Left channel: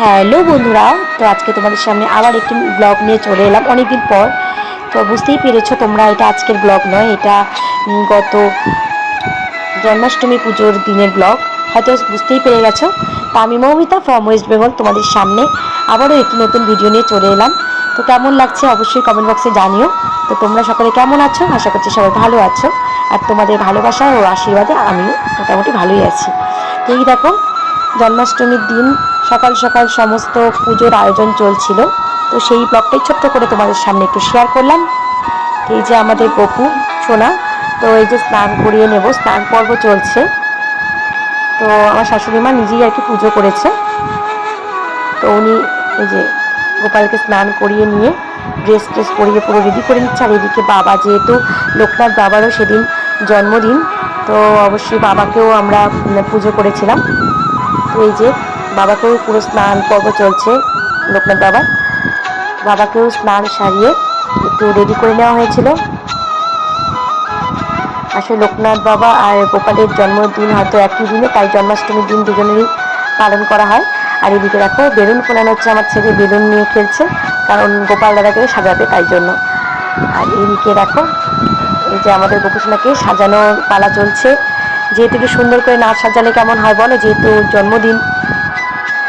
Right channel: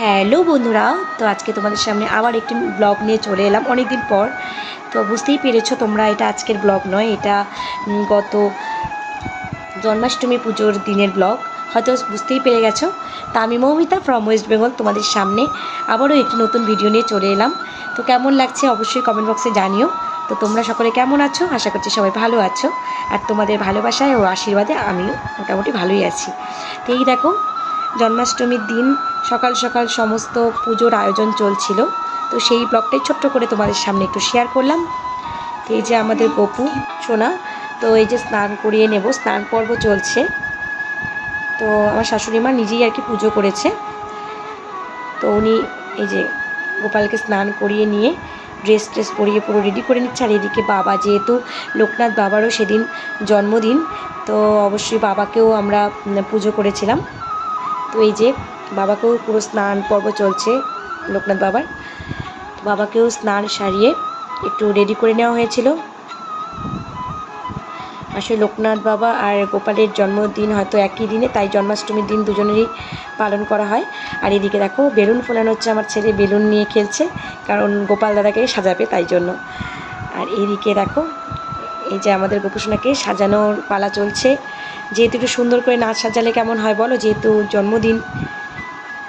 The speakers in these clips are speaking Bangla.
হ্যালো বন্ধুরা, তো আজকে তোমাদের সামনে আবার একটি ব্লগ নিয়ে চলে এলাম অনেকদিন পর। তো বুঝতেই পেরেছো তোমরা, এটা আজকের ব্লগ নয়, এটা গত জন্মাষ্টমী পুজোর দিনের ব্লগ। হয়তো বুঝতেই পেরে গেছো। তা আমি মৌমিতা ফ্রম ওয়েস্ট বেঙ্গল তোমাদের সামনে আবারও একটি নতুন ভিডিও নিয়ে চলে এলাম। তো কেমন লাগছে অবশ্যই কমেন্ট বক্সে জানিও। তো তোমরা সকলে কেমন আছো? আশা করছি সবাই ভালো আছো, আর তোমাদের ভালোবাসায় ও আশীর্বাদে আমি মোটামুটি ভালোই আছি। তো এই দেখো, জন্মাষ্টমীর দিন সকাল সকাল সমস্ত পুজোর আয়োজন চলছিল। তো সেই ব্লগটাই ছোট্ট করে তোমাদের সামনে একটু শেয়ার করলাম। তো এই যে আমাদের গপু সোনা, তো এই যে স্নান করিয়ে নেব, স্নান পর্ব চলছে। তো আমার শাশুড়ি মা নিজেই আর কি পুজো করেছে। তো উনি এই যে গোপালকে স্নান করিয়ে নিয়ে ড্রেস ট্রেস পরিয়ে পুরো রেডি করে নিচ্ছে। আর এদিকে বাবা, যেহেতু লোকনাথ বাবারও সেদিন জন্মদিন, তো অবশ্যই বাবাকেও আমরা পুজো করেছিলাম। তো এই যে বাবাকেও পুরো স্নান পর্ব চলছে লোকনাথ বাবাকেও স্নান সারিয়ে একটু রেডি করে নেওয়া হয়েছিল। আসলে লোকনাথ বাবা আর গোপালের জন্মদিন হয়তো একই দিনে, তাই জন্মাষ্টমীর দিন দুজনেরই পালন করা হয়। আর এদিকে দেখো বেলুন ফোলানো হচ্ছে, আমার ছেলে বেলুন নিয়ে খেলছে, কারণ গোপাল দাদাকে সাজাবে তাই জন্য। আর এদিকে দেখো এই যে আমাদের গোপুসোনাকে সাজানোর পালা চলছে। যেহেতু একটু সুন্দর করে না সাজালে কেমন হয় বলো, যেহেতু জন্মদিন,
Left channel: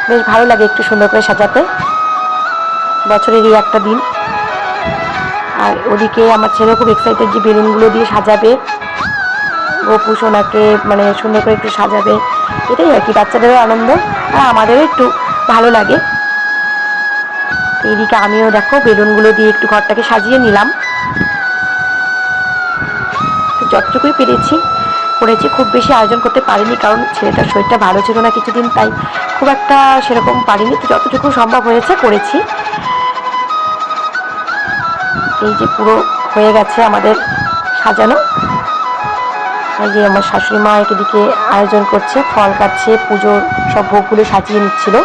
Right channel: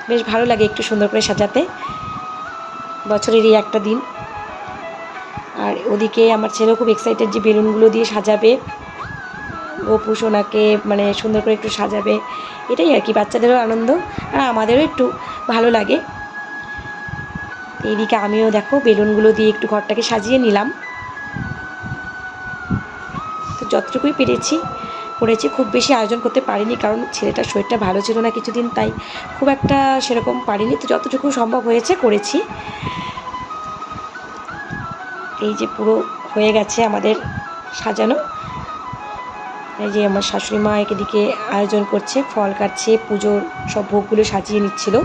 বেশ ভালো লাগে একটু সুন্দর করে সাজাতে, বছরেরই একটা দিন। আর ওদিকে আমার ছেলে খুব এক্সাইটেড যে বেলুনগুলো দিয়ে সাজাবে গপু সোনাকে, মানে সুন্দর করে একটু সাজাবে। এটাই আর কি, বাচ্চাদেরও আনন্দ আর আমাদেরও একটু ভালো লাগে। এইদিকে আমিও দেখো বেলুনগুলো দিয়ে একটু ঘরটাকে সাজিয়ে নিলাম। তো যতটুকুই পেরেছি করেছি, খুব বেশি আয়োজন করতে পারিনি, কারণ ছেলেটার শরীরটা ভালো ছিল না কিছুদিন, তাই খুব একটা সেরকম পারিনি। তো যতটুকু সম্ভব হয়েছে করেছি। এই যে পুরো হয়ে গেছে আমাদের সাজানো। এই যে আমার শাশুড়ি মা এদিকে আয়োজন করছে, ফল কাটছে, পুজোর সব ভোগগুলো সাজিয়ে নিচ্ছিল।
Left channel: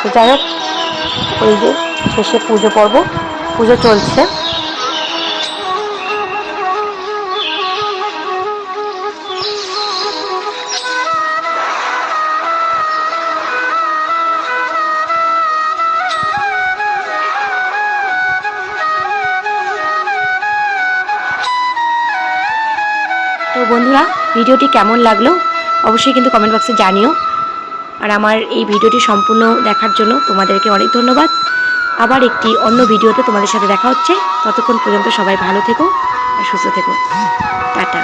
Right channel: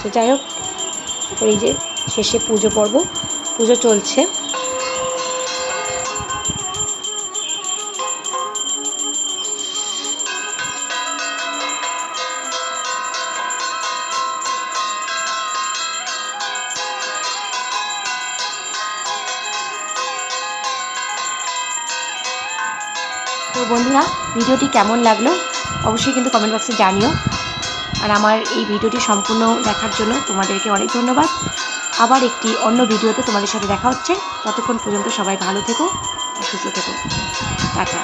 তো যাই হোক, ওই যে শেষে পুজো চলছে। তো বন্ধুরা, ভিডিওটি কেমন লাগলো অবশ্যই কিন্তু কমেন্ট বক্সে জানিও। আর আমার এই ভিডিওটি সম্পূর্ণ দেখার জন্য তোমাদেরকে অনেক ধন্যবাদ। আবার একটি অন্য ভিডিওতে তোমাদের সাথে দেখা হচ্ছে। ততক্ষণ পর্যন্ত সবাই ভালো থেকো আর সুস্থ থেকো। টাটা।